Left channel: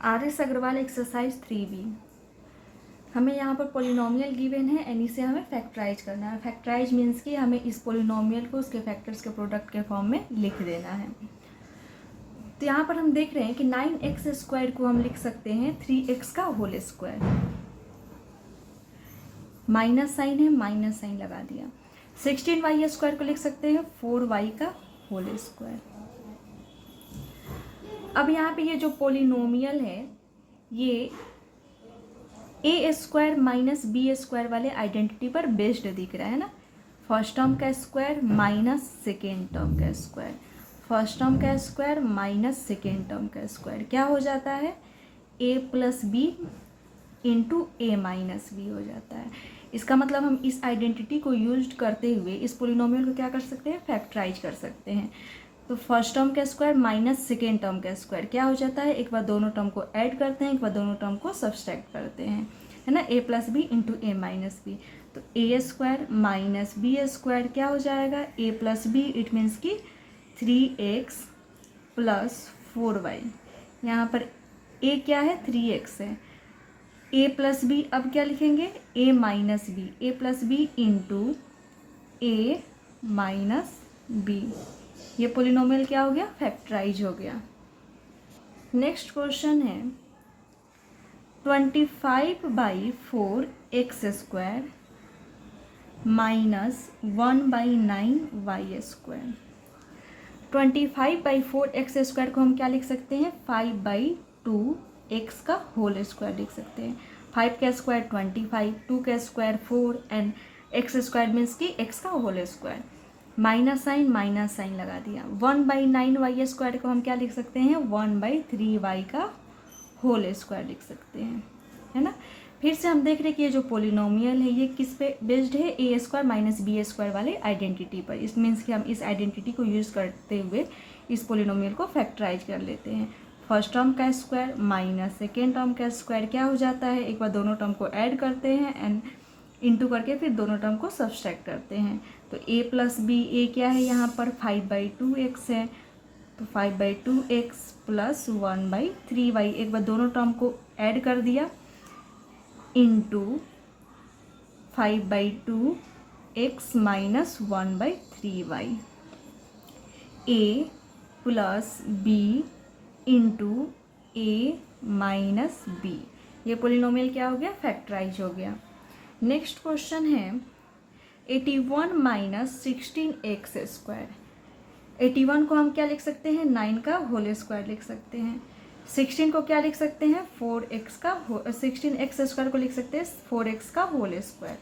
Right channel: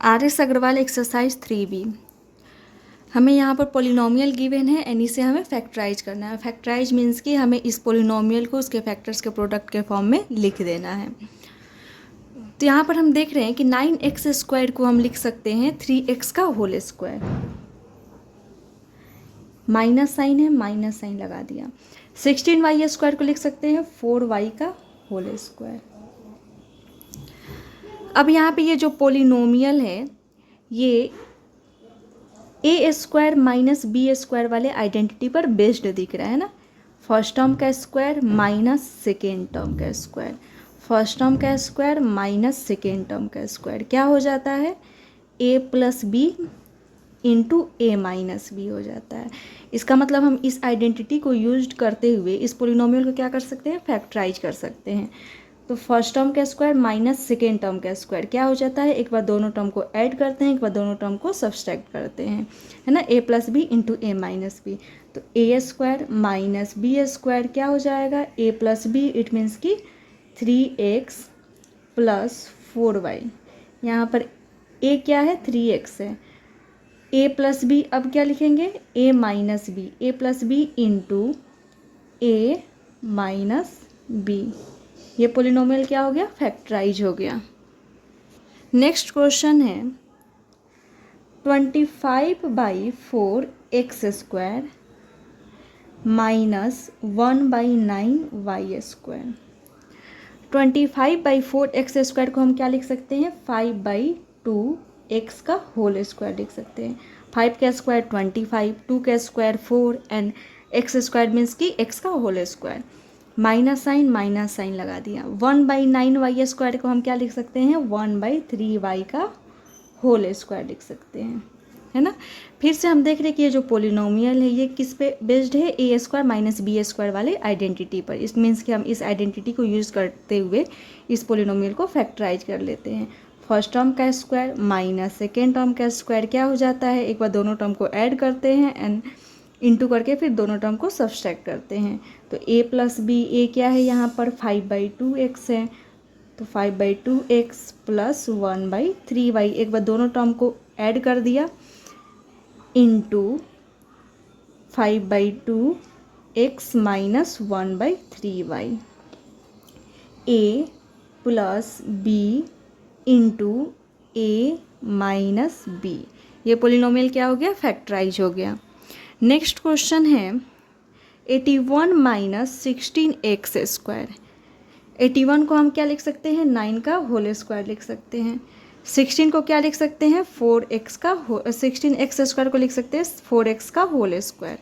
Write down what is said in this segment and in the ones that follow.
RS Agarwal exercise 3B। हमें यहाँ पर पोलिनोमियल गिवन है एंड इसे हमें फैक्टराइज करना है। फैक्टराइज मीन्स कि हमें इस पोलिनोमियल को उसके फैक्टर्स के प्रोडक्ट के फॉर्म में लिख देना है। तो यहाँ पर हम देख रहे हैं कि 9x स्क्वायर को हम लिख सकते हैं 3x का होल स्क्वायर। माइनस साइन है, माइनस साइन लगा दिया। 16y स्क्वायर को लिख सकते हैं 4y का होल स्क्वायर। अब यहाँ पे ये जो पोलिनोमियल है ये A square minus B square वाले आइडेंटिटी पर बेस्ड दिख रहा है ना। फर्स्ट टर्म का स्क्वायर माइनस सेकेंड टर्म का स्क्वायर, फर्स्ट टर्म का स्क्वायर माइनस सेकेंड टर्म का स्क्वायर क्या हो जाता है, A plus B into A minus B हो जाता है। इसका मतलब हम इस आइडेंटिटी को यूज करते हुए इस पोलिनोमियल को क्या कर सकते हैं, फैक्टराइज कर सकते हैं। तो फर्स्ट टर्म का स्क्वायर माइनस सेकेंड टर्म का स्क्वायर क्या हो जाता है, एक बार दोनों टर्म को ऐड करते हैं, एक बार दोनों टर्म को सब्सट्रैक्ट करते हैं, है ना, ए प्लस बी इंटू ए माइनस बी। तो a square minus B square क्या हो जाएगा, A plus B, it means कि 3x प्लस 4y। यहाँ पर ए क्या है, 3x है। ए प्लस बी अब क्या लिखेंगे, ए माइनस बी, ए प्लस बी इंटू ए माइनस बी। ये पोलिनोमियल क्या हो गया, फैक्टराइज हो गया। नेक्स्ट क्वेश्चन है 25/4 x square minus 1/9 y square. 25/4 x square को हम क्या लिख सकते हैं, 5/2 एक्स का होल स्क्वायर लिख सकते हैं। 5 का स्क्वायर 25, 2 का square 4 and x square means कि एक्स का होल स्क्वायर। माइनस साइन लगा दिया। 1/9 वाई स्क्वायर को हम क्या लिख सकते हैं, 1/3 वाई का होल स्क्वायर लिख सकते हैं, है ना। फिर से हम देख रहे हैं कि ये जो पोलिनोमियल है ये किस पे बेस्ड है, A square minus B square वाले आइडेंटिटी पर। इस मीन्स कि हम इस आइडेंटिटी को यूज़ करते हुए इस पोलिनोमियल को फैक्टराइज कर लेते हैं। फर्स्ट टर्म का स्क्वायर माइनस सेकेंड टर्म का स्क्वायर क्या हो जाता है, एक बार दोनों टर्म को ऐड करते हैं एंड इंटू करके फिर दोनों टर्म को सब्सट्रैक्ट करते हैं। तो a प्लस बी, ए क्या है यहाँ पर 5/2x है, तो 5/2x प्लस 1/3y, एक बार दोनों टर्म को ऐड कर दिया into 5/2x minus 1/3y। a plus B into A minus b. ये पोलिनोमियल क्या हो गया, फैक्टराइज हो गया। नेक्स्ट क्वेश्चन है 81 माइनस 16x स्क्वायर। 81 को हम क्या लिख सकते हैं, 9 का होल स्क्वायर लिख सकते हैं। 16 को क्या लिख सकते हैं, 4x का 16x स्क्वायर को लिख सकते हैं 4x का होल स्क्वायर,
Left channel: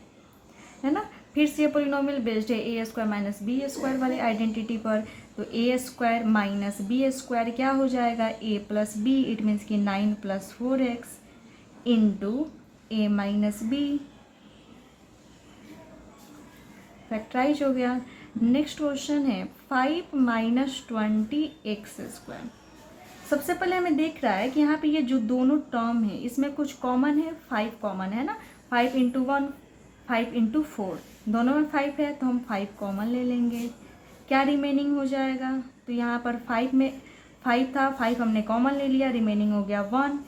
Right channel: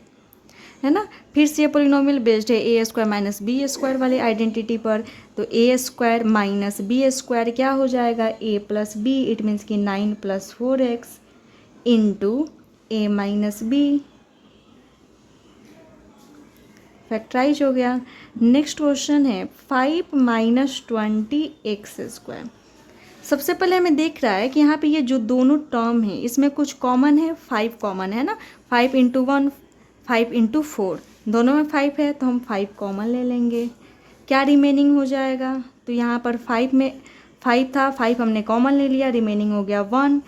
है ना। फिर से ये पोलिनोमियल बेस्ड है A square minus B square वाले आइडेंटिटी पर। तो a square minus B square क्या हो जाएगा, A plus B, it means कि 9 प्लस 4x इंटू ए माइनस बी, फैक्टराइज हो गया। नेक्स्ट क्वेश्चन है 5 माइनस 20x स्क्वायर। सबसे पहले हमें देख रहा है कि यहाँ पे ये जो दोनों टर्म है इसमें कुछ कॉमन है, 5 कॉमन है ना। 5 इंटू 1, 5 इंटू 4, दोनों में 5 है तो हम 5 कॉमन ले लेंगे। क्या रिमेनिंग हो जाएगा, तो यहाँ पर 5 में 5 था, 5 हमने कॉमन ले लिया, रिमेनिंग हो गया 1,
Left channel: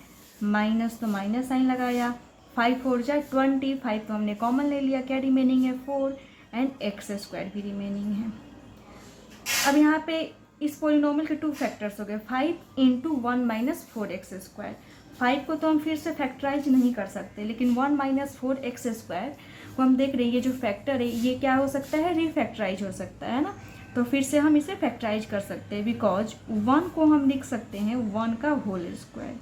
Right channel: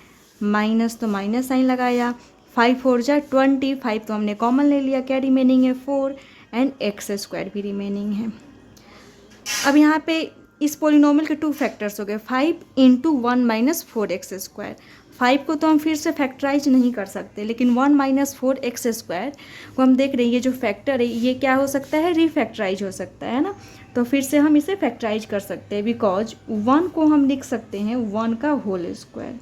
माइनस तो माइनस साइन लगाया, 5 4 जा 20, 5 तो हमने कॉमन ले लिया, क्या रिमेनिंग है 4 एंड एक्स स्क्वायर भी रिमेनिंग है। अब यहाँ पे इस पोलिनोमियल के 2 फैक्टर्स हो गए, 5 इंटू 1 माइनस 4x स्क्वायर। 5 को तो हम फिर से फैक्टराइज नहीं कर सकते, लेकिन 1 माइनस 4x स्क्वायर को हम देख रहे हैं ये जो फैक्टर है ये क्या हो सकता है, रीफैक्टराइज हो सकता है ना। तो फिर से हम इसे फैक्टराइज कर सकते हैं, बिकॉज 1 को हम लिख सकते हैं 1 का होल स्क्वायर,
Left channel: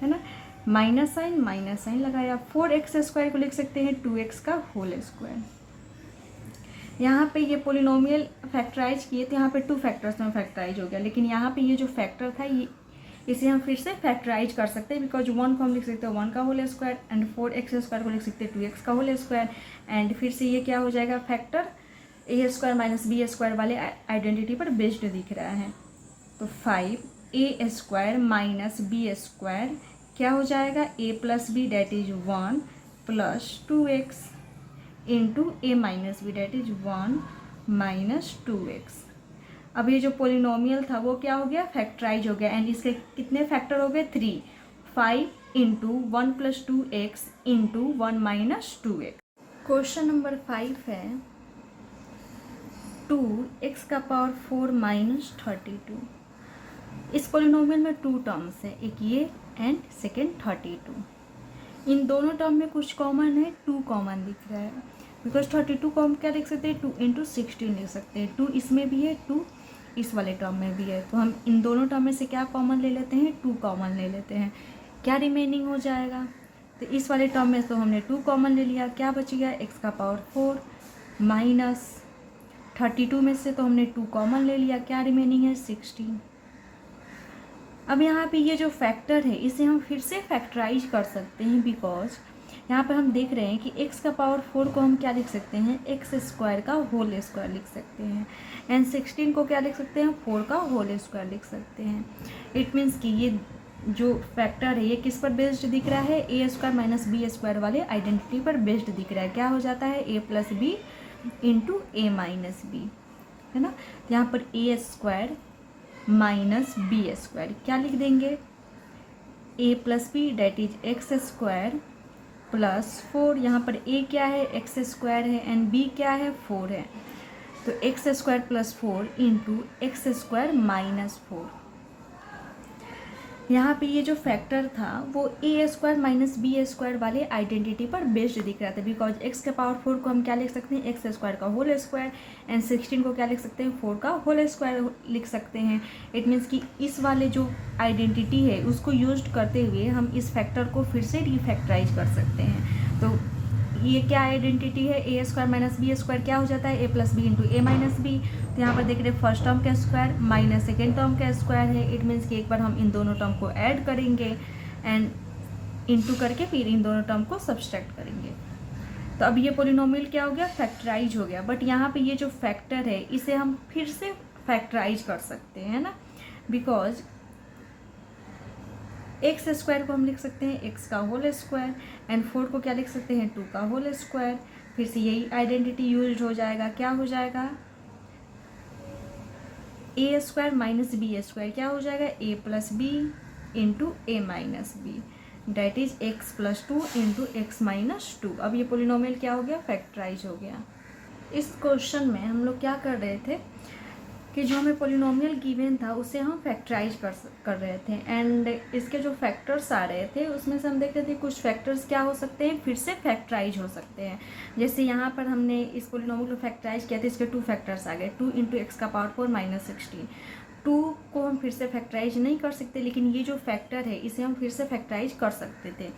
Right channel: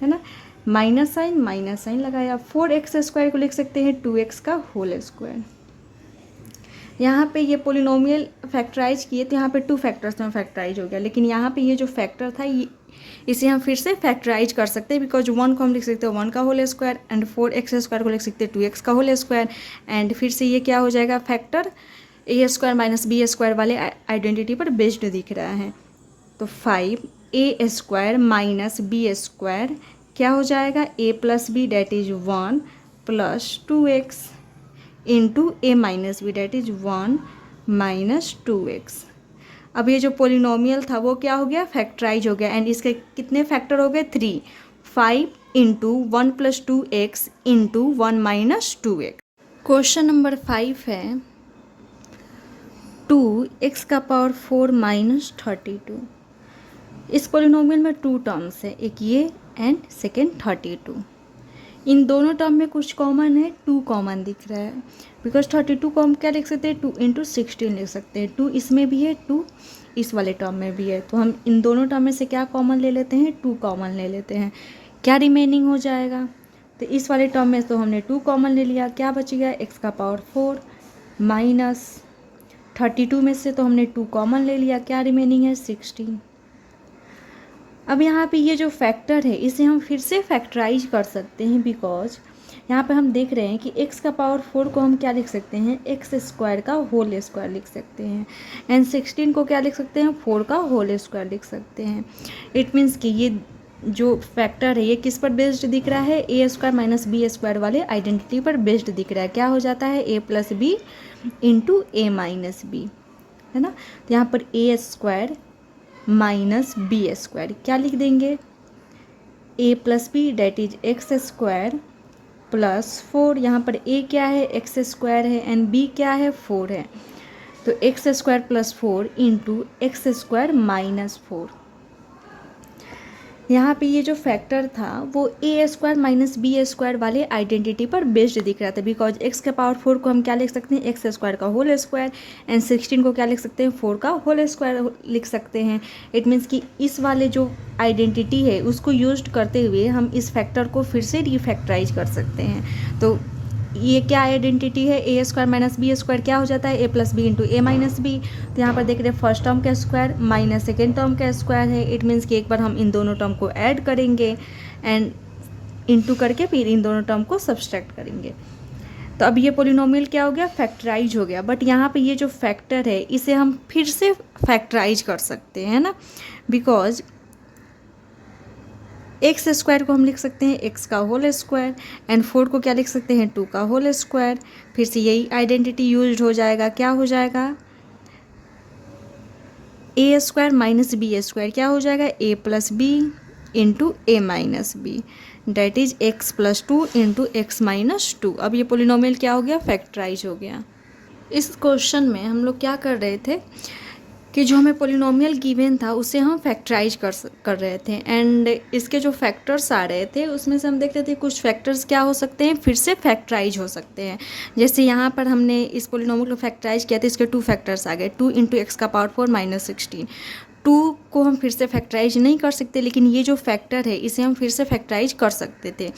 है ना। माइनस साइन लगाया। 4x स्क्वायर को लिख सकते हैं 2x का होल स्क्वायर। यहाँ पे ये पोलिनोमियल फैक्टराइज किए तो यहाँ पे 2 फैक्टर्स में फैक्टराइज हो गया, लेकिन यहाँ पे ये जो फैक्टर था ये इसे हम फिर से फैक्टराइज कर सकते हैं, बिकॉज 1 को हम लिख सकते हैं 1 का whole square and 4x square को लिख सकते हैं 2x का होल स्क्वायर। एंड फिर से ये क्या हो जाएगा, फैक्टर ए स्क्वायर माइनस बी स्क्वायर वाले आइडेंटिटी पर बेस्ड दिख रहा है। तो 5a square minus B square क्या हो जाएगा, a plus B that is 1 plus 2x into A minus B that is 1 minus 2x। अब ये जो पोलिनोमियल था वो क्या हो गया, फैक्टराइज हो गया एंड इसके कितने फैक्टर हो गए, 3। 5 into 1+2x into 1-2x। Question number 5 है 2x⁴ - 32। इस पोलिनोमियल में 2 टर्म्स है, एक ये एंड सेकेंड 32। इन दोनों टर्म में कुछ कॉमन है, 2 कॉमन दिख रहा है, बिकॉज 32 को हम क्या लिख सकते हैं, 2 इंटू 16 लिख सकते हैं। 2 इसमें भी है, 2 इस वाले टर्म में भी है, तो हम इन दोनों टर्म में से क्या कॉमन ले लेते हैं, 2 कॉमन ले लेते हैं। क्या रिमेनिंग हो जाएगा, तो इस वाले टर्म में तो हमने 2 कॉमन ले लिया, क्या बच गया x⁴ माइनस 32 में से तो हमने 2 कॉमन ले लिया, क्या रिमेनिंग है 16। अब यहाँ पे ये जो फैक्टर है इसे हम फिर से फैक्टराइज कर सकते हैं, बिकॉज यहाँ पे हम देख रहे हैं कि x⁴ को हम क्या लिख सकते हैं, x² का होल स्क्वायर लिख सकते हैं, एंड 16 को क्या लिख सकते हैं, 4 का होल स्क्वायर लिख सकते हैं। इट मीन्स कि ये जो फैक्टर है ये किस पर बेस्ड दिख रहा है, a² - b² वाले आइडेंटिटी पर बेस्ड दिख रहा है। क्या हो जाता है, a + b into a - b, है ना। तो यहाँ पर a² - b², क्या लिख देंगे, a + b that is x² + 4। यहाँ पर a क्या है, x² है, एंड b क्या है, 4 है, तो x² + 4 इंटू x² - 4। यहाँ पे ये जो फैक्टर था वो a² - b² वाले आइडेंटिटी पर बेस्ड दिख रहा था, बिकॉज x⁴ को हम क्या लिख सकते हैं, x² का होल स्क्वायर, एंड 16 को क्या लिख सकते हैं, 4 का होल स्क्वायर लिख सकते हैं। इट मीन्स कि इस वाले जो आइडेंटिटी है उसको यूज करते हुए हम इस फैक्टर को फिर से रिफैक्टराइज कर सकते हैं। तो ये क्या आइडेंटिटी है, a² - b² क्या हो जाता है, a + b into a - b। तो यहाँ पर देख रहे हैं फर्स्ट टर्म का स्क्वायर माइनस सेकेंड टर्म का स्क्वायर है। इट मीन्स कि एक बार हम इन दोनों टर्म को ऐड करेंगे एंड इंटू करके फिर इन दोनों टर्म को सब्सट्रैक्ट करेंगे। तो अब ये पोलिनोमियल क्या हो गया, फैक्टराइज हो गया। बट यहाँ पे ये जो फैक्टर है इसे हम फिर से फैक्टराइज कर सकते हैं ना, बिकॉज x² को हम लिख सकते हैं x का होल स्क्वायर, एंड 4 को क्या लिख सकते हैं, 2 का होल स्क्वायर। फिर से यही आइडेंटिटी यूज हो जाएगा, क्या हो जाएगा, a² - b² क्या हो जाएगा, a + b into a - b that is x + 2 into x - 2। अब ये पोलिनोमियल क्या हो गया, फैक्टराइज हो गया। इस क्वेश्चन में हम लोग क्या कर रहे थे कि जो हमें पोलिनोमियल गिवन था उसे हम फैक्टराइज कर रहे थे, एंड इसके जो फैक्टर्स आ रहे थे उसमें से हम देख रहे थे कुछ फैक्टर्स क्या हो सकते हैं, फिर से फैक्टराइज हो सकते हैं। जैसे यहाँ पर हमने इस पोलिनोमियल को फैक्टराइज किया था, इसके 2 फैक्टर्स आ गए, 2 इंटू x⁴ - 16। 2 को हम फिर से फैक्टराइज नहीं कर सकते, लेकिन ये जो फैक्टर है इसे हम फिर से फैक्टराइज कर सकते थे,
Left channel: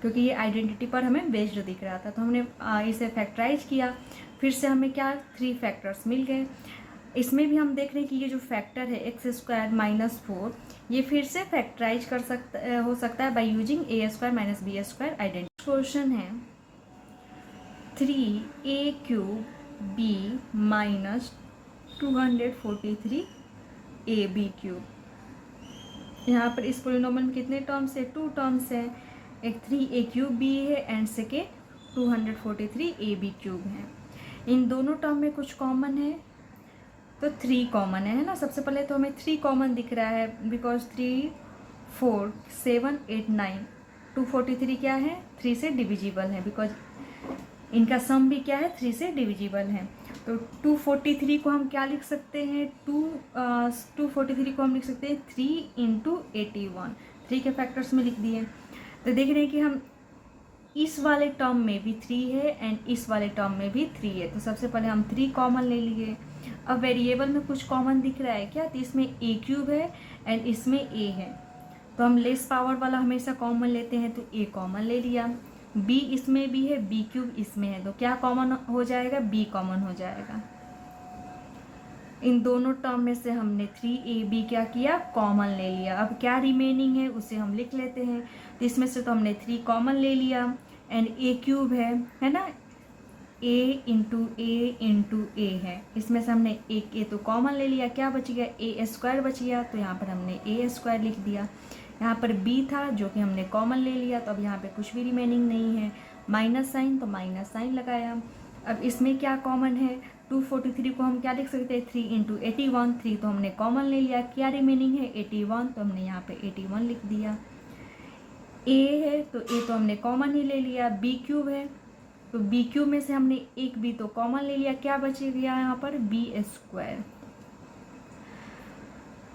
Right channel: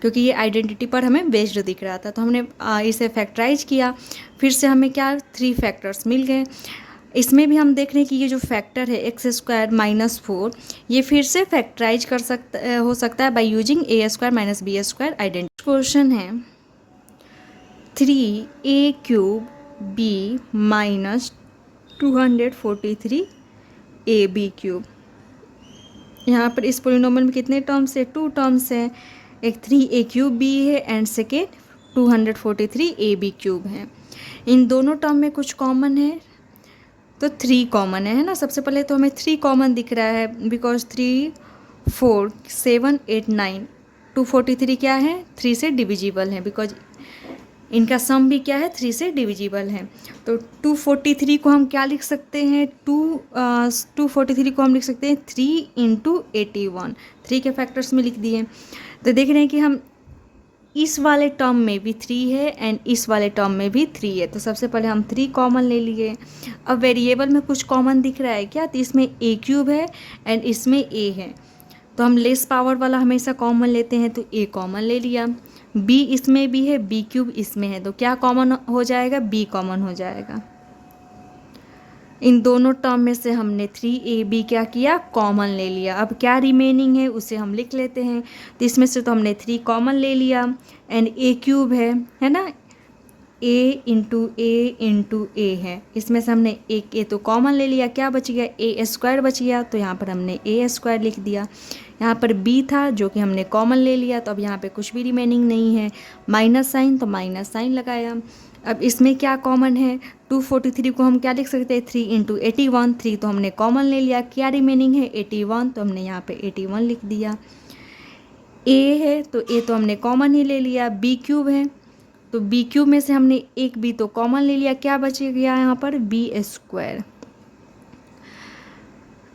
क्योंकि ये आइडेंटिटी पर हमें बेस्ड दिख रहा था। तो हमने इसे फैक्टराइज किया, फिर से हमें क्या 3 फैक्टर्स मिल गए। इसमें भी हम देख रहे हैं कि ये जो फैक्टर है x² - 4 ये फिर से फैक्टराइज हो सकता है by using a² - b² identity. Question है 3a³ b - 243ab³। यहाँ पर इस पोलिनोमियल में कितने टर्म्स है, 2 टर्म्स है, एक 3a³ b है एंड सेकेंड 243ab³ है। इन दोनों टर्म में कुछ कॉमन है, तो 3 कॉमन है ना। सबसे पहले तो हमें 3 कॉमन दिख रहा है, बिकॉज 3 4 7 8 9 243 क्या है, 3 से डिविजिबल है, बिकॉज इनका सम भी क्या है, 3 से डिविजिबल है। तो 243 को हम क्या लिख सकते हैं, 243 को हम लिख सकते हैं 3 इंटू 81, 3 के फैक्टर्स में लिख दिए। तो देख रहे हैं कि हम इस वाले टर्म में भी 3 है एंड इस वाले टर्म में भी 3 है, तो सबसे पहले हम 3 कॉमन ले लिए। अब वेरिएबल में कुछ कॉमन दिख रहा है क्या, तो इसमें a³ है एंड इसमें a है, तो हम लेस पावर वाला हमेशा कॉमन लेते हैं, तो a कॉमन ले लिया। b इसमें भी है, b³ इसमें है, तो क्या कॉमन हो जाएगा, b कॉमन हो जाएगा। इन दोनों टर्म में से हमने 3ab क्या किया, कॉमन ले लिया। अब क्या रिमेनिंग है उसे हम लिख लेते हैं। तो इसमें से तो हमने 3 कॉमन ले लिया एंड a³ है ना, a इंटू a है, इसमें से हमने एक a तो कॉमन ले लिया, क्या बच गया, a² बच गया, तो यहाँ पर हमने a² लिख दिया। यहाँ पर b था जो कि हमने कॉमन ले लिया, तो अब यहाँ पे कुछ भी रिमेनिंग नहीं है, माइनस साइन, तो माइनस साइन लगाया। अब इसमें क्या कॉमन है, 243 को हम क्या लिख सकते हैं, 3 इंटू 81, 3 तो हमने कॉमन ले लिया, क्या रिमेनिंग है 81, तो हमने यहाँ पे 81 लिख दिया। ए है तो ए तो हमने कॉमन ही ले लिया, बी क्यूब है तो बी क्यूब में से हमने एक बी तो कॉमन ले लिया, क्या बच गया यहाँ पर बी स्क्वायर।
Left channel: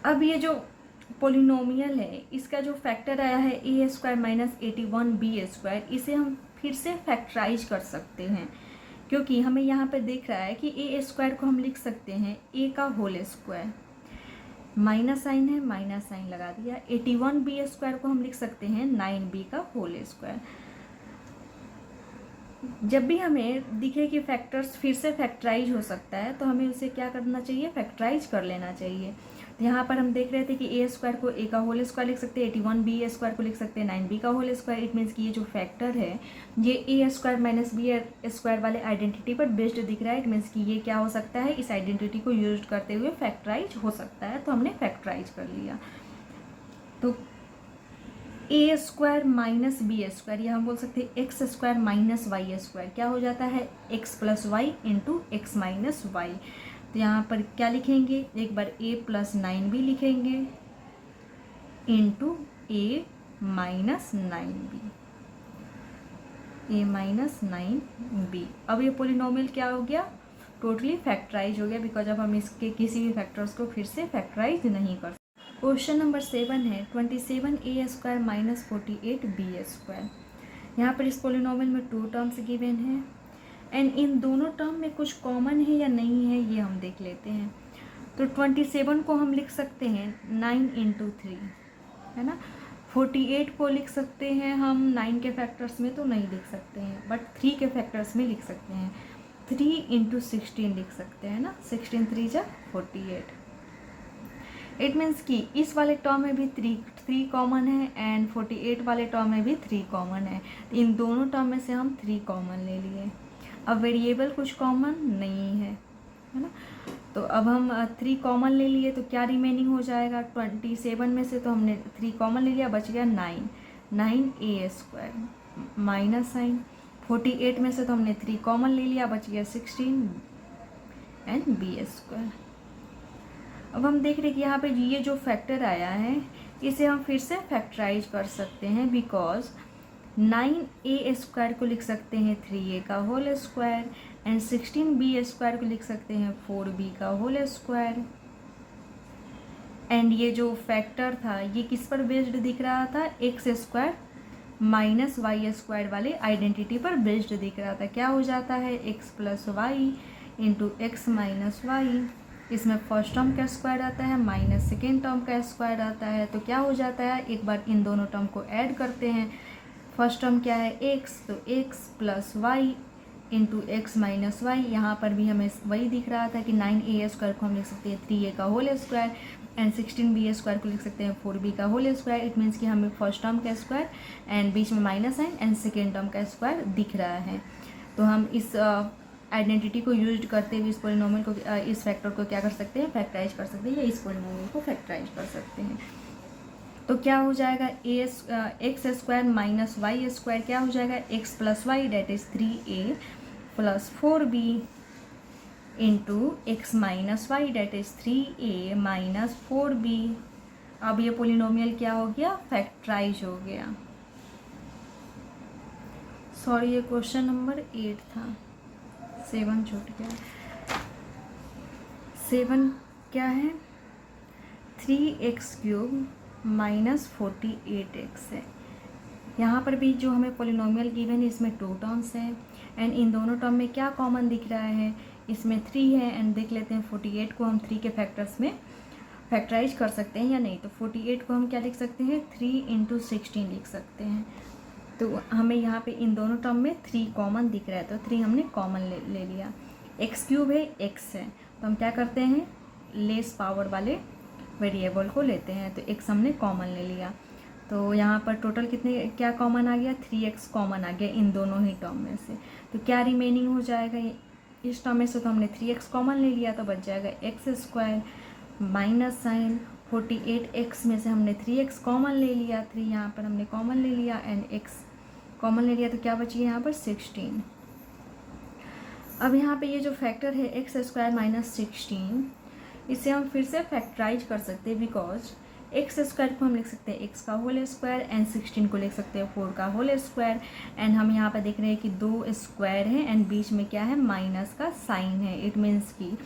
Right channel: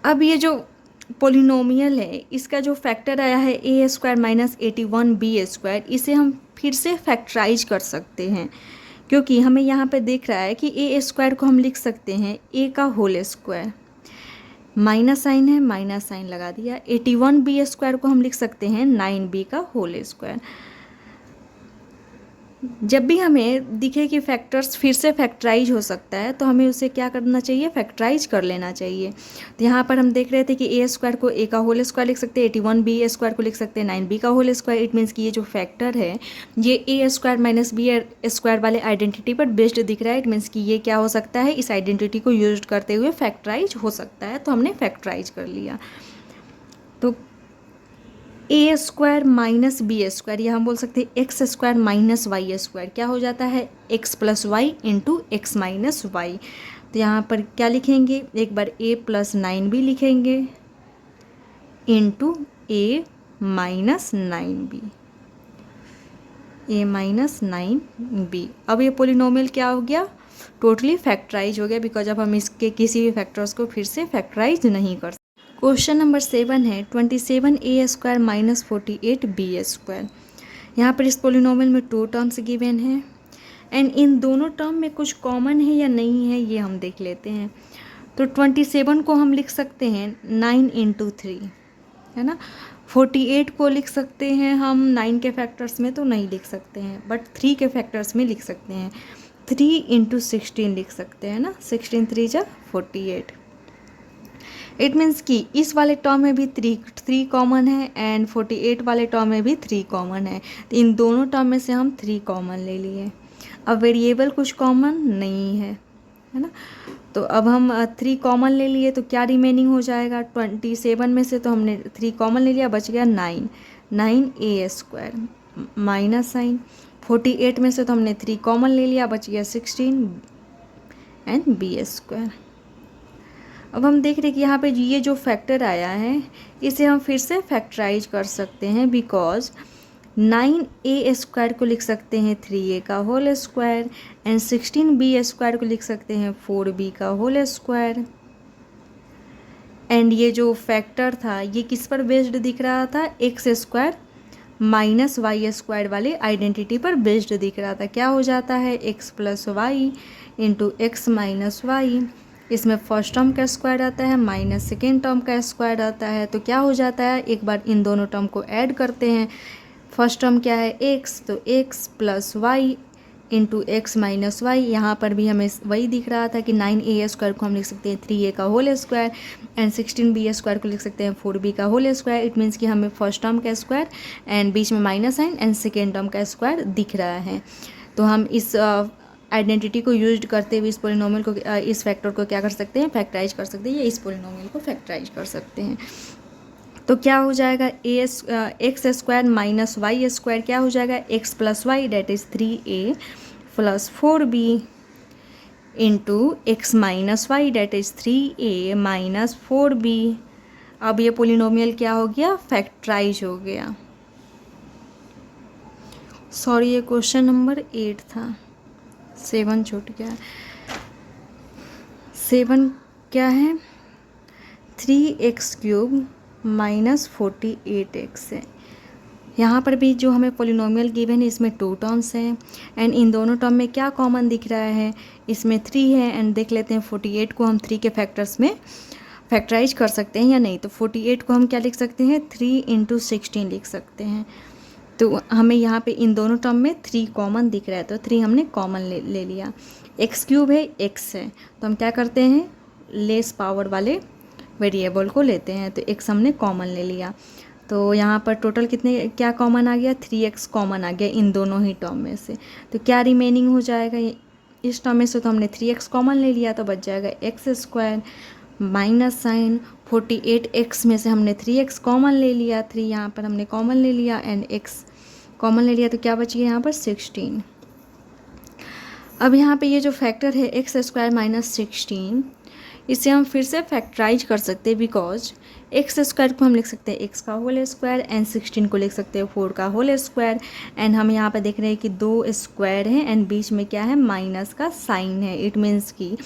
अब ये जो पोलिनोमियल है इसका जो फैक्टर आया है A square minus 81 B square, इसे हम फिर से फैक्टराइज कर सकते हैं क्योंकि हमें यहाँ पे दिख रहा है कि ए स्क्वायर को हम लिख सकते हैं ए का होल स्क्वायर, माइनस साइन है माइनस साइन लगा दिया। 81 बी स्क्वायर को हम लिख सकते हैं 9b का होल स्क्वायर। जब भी हमें दिखे कि फैक्टर्स फिर से फैक्टराइज हो सकता है तो हमें उसे क्या करना चाहिए, फैक्टराइज कर लेना चाहिए। तो यहाँ पर हम देख रहे थे कि ए स्क्वायर को ए का होल स्क्वायर लिख सकते हैं, 81 बी स्क्वायर को लिख सकते हैं 9b का होल स्क्वायर। इट मीन्स कि ये जो फैक्टर है ये A square minus B square वाले आइडेंटिटी पर बेस्ड दिख रहा है। इट मीन्स कि ये क्या हो सकता है, इस आइडेंटिटी को यूज करते हुए फैक्टराइज हो सकता है, तो हमने फैक्टराइज कर लिया। तो a square minus B square, या हम बोल सकते हैं x square minus y square, क्या हो जाता है x plus y into x minus y. तो यहाँ पर क्या लिखेंगे, एक बार ए प्लस 9b लिखेंगे इंटू ए माइनस 9b, ए माइनस 9b। अब ये पोलिनोमियल क्या हो गया, टोटली फैक्टराइज हो गया, बिकॉज अब हम इसके किसी भी फैक्टर्स को फिर से फैक्टराइज नहीं कर सकते। क्वेश्चन नंबर 7 है 27 ए स्क्वायर माइनस 48 बी स्क्वायर। यहाँ पर इस पोलिनोमियल में 2 टर्म्स गिवन हैं एंड इन दोनों टर्म में कुछ कॉमन है या नहीं है ये हम देख लेते हैं। तो 27 को हम लिख सकते हैं 9 इंटू 3, है ना। 48 को लिख सकते हैं हम 9 के फैक्टर्स में तो नहीं लिख सकते हैं, बट 3 के फैक्टर्स में लिख सकते हैं। 3 इंटू 16 लिख सकते हैं ना, 16 3 जा 48। इट मीन्स कि इस वाले टर्म में भी 3 कॉमन है एंड 48 वाले टर्म में भी 3 कॉमन है। तो इन दोनों टर्म में से हम 3 कॉमन ले लिए। अब वेरिएबल कुछ कॉमन नहीं है ना, तो अब हम 3 कॉमन ले लिए तो क्या रिमेनिंग हो जाएगा, 27 में से तो हमने 3 कॉमन ले लिया, बच गया 9 ए स्क्वायर माइनस साइन। 48 में से तो हमने 3 कॉमन ले लिया, बच गया 16 एंड बी स्क्वायर। अब हम देख रहे हैं कि यहाँ पे ये जो फैक्टर आया है इसे हम फिर से फैक्टराइज कर सकते हैं, बिकॉज 9a स्क्वायर को लिख सकते हैं 3a का whole square and 16b square को लिख सकते हैं 4b का होल स्क्वायर। एंड ये जो फैक्टर था ये किस पर बेस्ड दिख रहा था, x square minus y square वाले आइडेंटिटी पर बेस्ड दिख रहा था। क्या हो जाता है x plus y into x minus y, इसमें फर्स्ट टर्म का स्क्वायर आता है माइनस सेकेंड टर्म का स्क्वायर आता है। तो क्या हो जाता है, एक बार इन दोनों टर्म को ऐड करते हैं। फर्स्ट टर्म क्या है एक्स, तो x plus y into x minus y. यहाँ पर भी हमें वही दिख रहा था कि 9a स्क्वायर को हम लिख सकते हैं 3a का whole square and 16b square को लिख सकते हैं 4b का होल स्क्वायर। इट मीन्स कि हमें फर्स्ट टर्म का स्क्वायर एंड बीच में minus sign and second term का स्क्वायर दिख रहा है। तो हम इस आइडेंटिटी को यूज करते हुए इस पोलिनोमियल को, इस फैक्टर को क्या कर सकते हैं, फैक्टराइज कर सकते हैं, या इस पोलिनोमियल को फैक्टराइज कर सकते हैं। तो क्या हो जाएगा, x square minus y square क्या हो जाएगा, x plus y that is 3a plus 4b into x minus y that is 3a minus 4b। अब ये पोलिनोमियल क्या हो गया, फैक्टराइज हो गया। सॉरी ये क्वेश्चन नंबर 8 था, 7 छूट गया। 7 क्या है, 3x क्यूब माइनस 48x है। यहाँ पर भी जो हमें पोलिनोमियल गिवन है इसमें 2 टर्म्स हैं एंड इन दोनों टर्म में क्या कॉमन दिख रहा है, इसमें 3 है एंड देख लेते हैं 48 को हम 3 के फैक्टर्स में फैक्टराइज कर सकते हैं या नहीं। तो 48 को हम क्या लिख सकते हैं, 3 इंटू 16 लिख सकते हैं। तो हमें यहाँ पे इन दोनों टर्म में 3 कॉमन दिख रहा है, तो 3 हमने कॉमन ले लिया। एक्स क्यूब है, एक्स है, तो हम क्या करते हैं, लेस पावर वाले वेरिएबल को लेते हैं। तो एक्स हमने कॉमन ले लिया, तो यहाँ पर टोटल कितने क्या कॉमन आ गया, 3x कॉमन आ गया इन दोनों ही टर्म में से। तो क्या रिमेनिंग हो जाएगा, इस टर्म में से तो हमने 3x कॉमन ले लिया, तो बच जाएगा x square minus sign 48x में से हमने 3x कॉमन ले लिया, 3 यहाँ पर हमने कॉमन ले लिया एंड x कॉमन ले लिया, तो क्या बची यहाँ पर 16। अब यहाँ पे ये जो फैक्टर है एक्स स्क्वायर माइनस 16, इसे हम फिर से फैक्टराइज कर सकते हैं, बिकॉज एक्स स्क्वायर को हम लिख सकते हैं एक्स का होल स्क्वायर एंड 16 को लिख सकते हैं 4 का होल स्क्वायर। एंड हम यहाँ पे देख रहे हैं कि 2 स्क्वायर है एंड बीच में क्या है माइनस का साइन है। इट मीन्स कि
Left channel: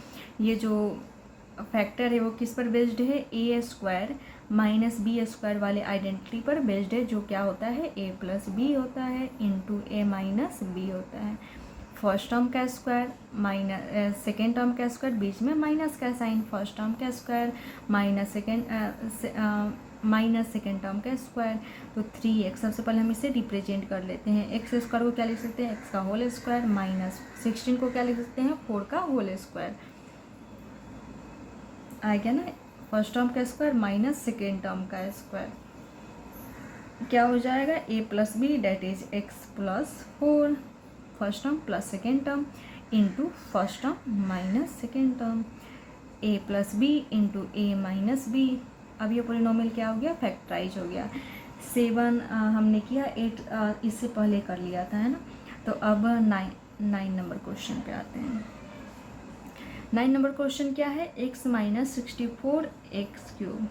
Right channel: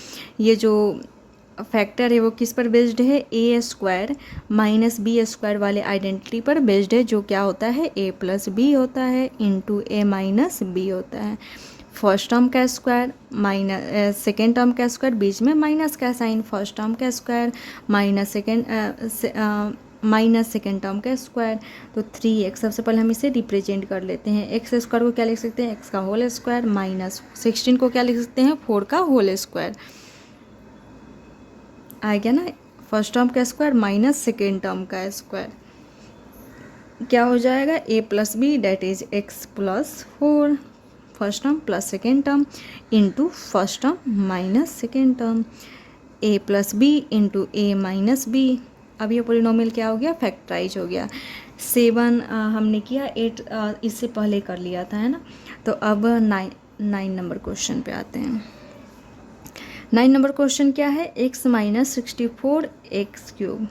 ये जो फैक्टर है वो किस पर बेस्ड है, A square minus B square वाले आइडेंटिटी पर बेस्ड है, जो क्या होता है ए प्लस बी होता है इंटू ए माइनस बी होता है। फर्स्ट टर्म का स्क्वायर माइनस सेकेंड टर्म का स्क्वायर, बीच में माइनस का साइन, फर्स्ट टर्म का स्क्वायर माइनस सेकेंड टर्म का स्क्वायर, तो 3x। सबसे पहले हम इसे रिप्रेजेंट कर लेते हैं। एक्स स्क्वायर को क्या लिख सकते हैं, एक्स का होल स्क्वायर माइनस 16 को क्या लिख सकते हैं 4 का होल स्क्वायर। आ गया ना, फर्स्ट टर्म का स्क्वायर माइनस सेकेंड टर्म का स्क्वायर क्या हो जाएगा, A plus B that is x plus 4 first term plus second term into first term minus second term, A plus B into A minus B. अब ये polynomial क्या हो गया, factorise हो गया। 7 हमने किया, 8 इससे पहले कर लिया था, है ना। तो अब 9 नंबर क्वेश्चन पे आते हैं। 9 नंबर क्वेश्चन क्या है, x माइनस 64 एक्स क्यूब।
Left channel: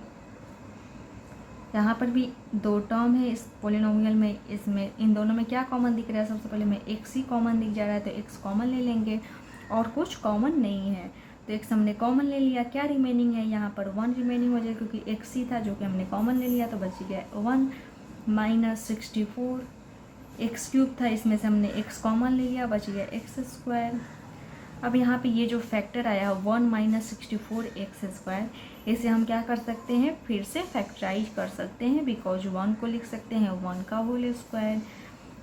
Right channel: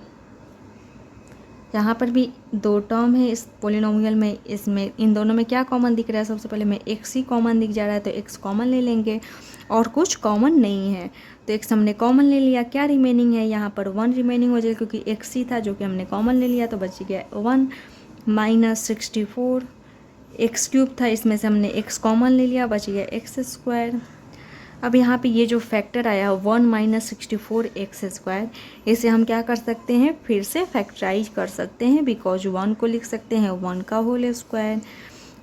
यहाँ पर भी 2 टर्म है इस पोलिनोमियल में, इसमें इन दोनों में क्या कॉमन दिख रहा है, सबसे पहले में x ही कॉमन दिख जा रहा है, तो x कॉमन ले लेंगे और कुछ कॉमन नहीं है, तो x हमने कॉमन ले लिया। क्या रिमेनिंग है, यहाँ पर 1 रिमेनिंग हो जाएगा क्योंकि x ही था जो कि हमने कॉमन ले लिया, तो बच गया 1 माइनस 64 एक्स क्यूब था, इसमें से हमने x कॉमन ले लिया, बच गया एक्स स्क्वायर। अब यहाँ पे ये जो फैक्टर आया 1 माइनस 64 एक्स स्क्वायर, इसे हम क्या कर सकते हैं, फिर से फैक्टराइज कर सकते हैं, बिकॉज 1 को लिख सकते हैं 1 का होल स्क्वायर,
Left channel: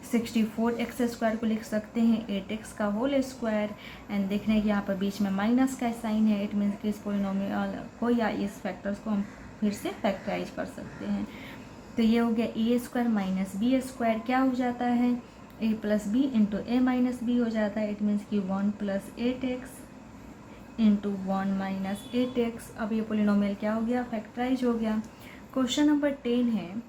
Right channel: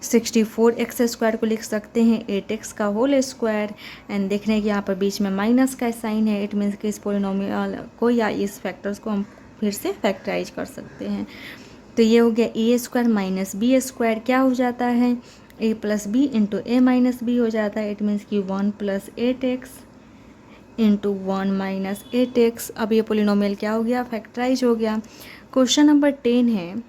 64 एक्स स्क्वायर को लिख सकते हैं 8x का होल स्क्वायर। एंड देख रहे हैं कि यहाँ पर बीच में माइनस का साइन है, इट मीन्स कि इस पोलिनोमियल को या इस फैक्टर्स को हम फिर से फैक्टराइज कर सकते हैं। तो ये हो गया ए स्क्वायर माइनस बी स्क्वायर, क्या हो जाता है A plus B into A minus B हो जाता है, इट मीन्स कि 1 plus 8x into 1 minus 8x। अब ये पोलिनोमियल क्या हो गया, फैक्टराइज हो गया। क्वेश्चन नंबर 10 है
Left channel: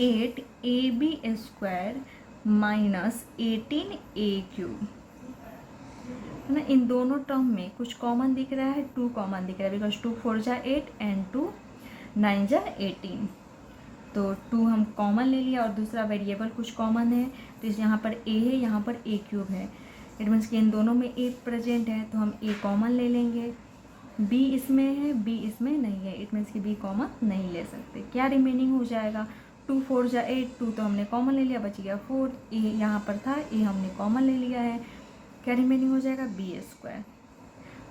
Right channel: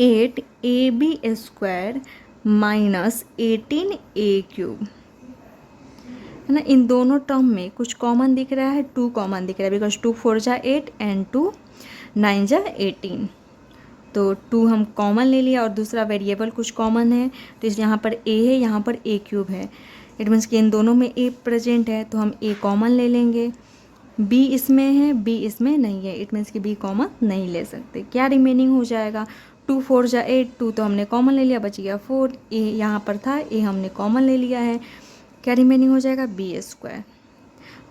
8ab square minus 18a cube, है ना। इन दोनों टर्म में कुछ कॉमन दिख रहा है, 2 कॉमन दिख रहा है, बिकॉज 2 4 जा 8 एंड 2 9 जा 18, तो 2 हम कॉमन ले लिया और दूसरा वेरिएबल कुछ कॉमन है, तो इस यहाँ पर a है, यहाँ पर a क्यूब है, इट मीन्स कि इन दोनों में a प्रेजेंट है, तो हम a कॉमन ले लेंगे। b इसमें है, b इसमें नहीं है, इट मीन्स कि b कॉमन नहीं ले सकते। क्या रिमेनिंग हो जाएगा, 2 4 जा 8, 2 तो हमने कॉमन ले लिया, बच गया 4, a यहाँ पर था, a हमने कॉमन ले लिया है, क्या रिमेनिंग हो जाएगा b स्क्वायर।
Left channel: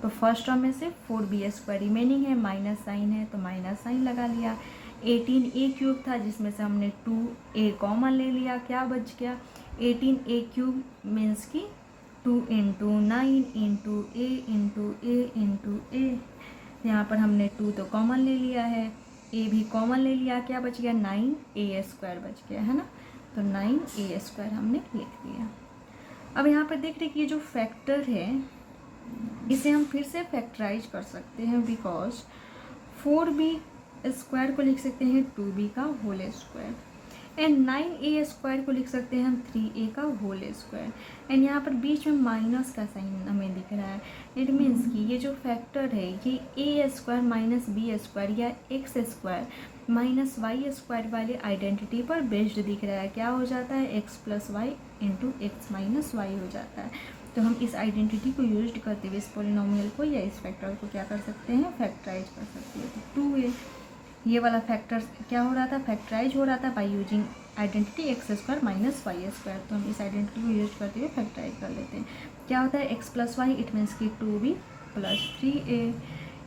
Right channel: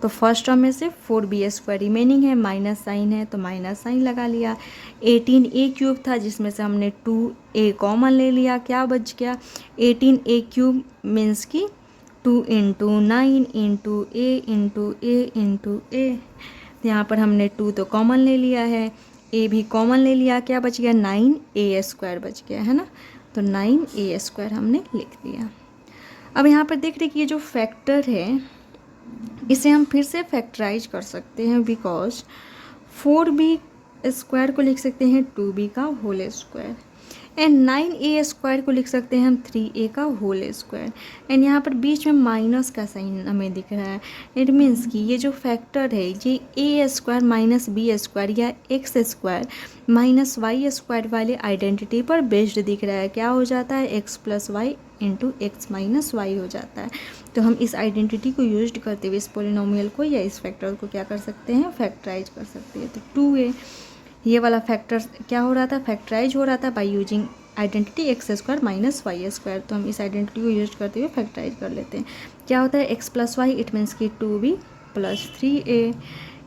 तो फर्स्ट टर्म में से 4b स्क्वायर रिमेनिंग है, माइनस साइन है तो माइनस साइन लगा लिया। 18a क्यूब था जिसमें से हमने 2a कॉमन ले लिया, क्या बच गया 18a क्यूब मीन्स कि 2 into 9 into a into a into a। यहाँ पर हमने 2 तो कॉमन ले लिया है, a भी कॉमन ले लिया, क्या बच गया 9a स्क्वायर बच गया, है ना। तो 9a स्क्वायर हमने लिख दिया। अब यहाँ पर देख रहे कि ये जो फैक्टर है इसे हम फिर से फैक्टराइज कर सकते हैं, बिकॉज 4b स्क्वायर को लिख सकते हैं 2b का whole square and 9a square को लिख सकते हैं हम 3a का होल स्क्वायर। एंड यहाँ पर बीच में माइनस का साइन हमें दिख रहा है, इट मीन्स कि ये जो फैक्टर है ये a square minus b square या x square minus y square वाले आइडेंटिटी पर बेस्ड दिख रहा है। क्या हो जाता है x plus y into x minus y हो जाता है। तो हम इस आइडेंटिटी को यूज करते हुए इस पोलिनोमियल को या इस फैक्टर को क्या कर सकते हैं, फैक्टराइज कर सकते हैं। तो 2a ये वाला फैक्टर क्या हो रहा था, फैक्टराइज हो रहा था by using identity x square minus y square. तो हम इस आइडेंटिटी को यूज करते हुए फैक्टराइज कर लेते हैं। क्या होता है x plus y, it means कि 2b plus 3a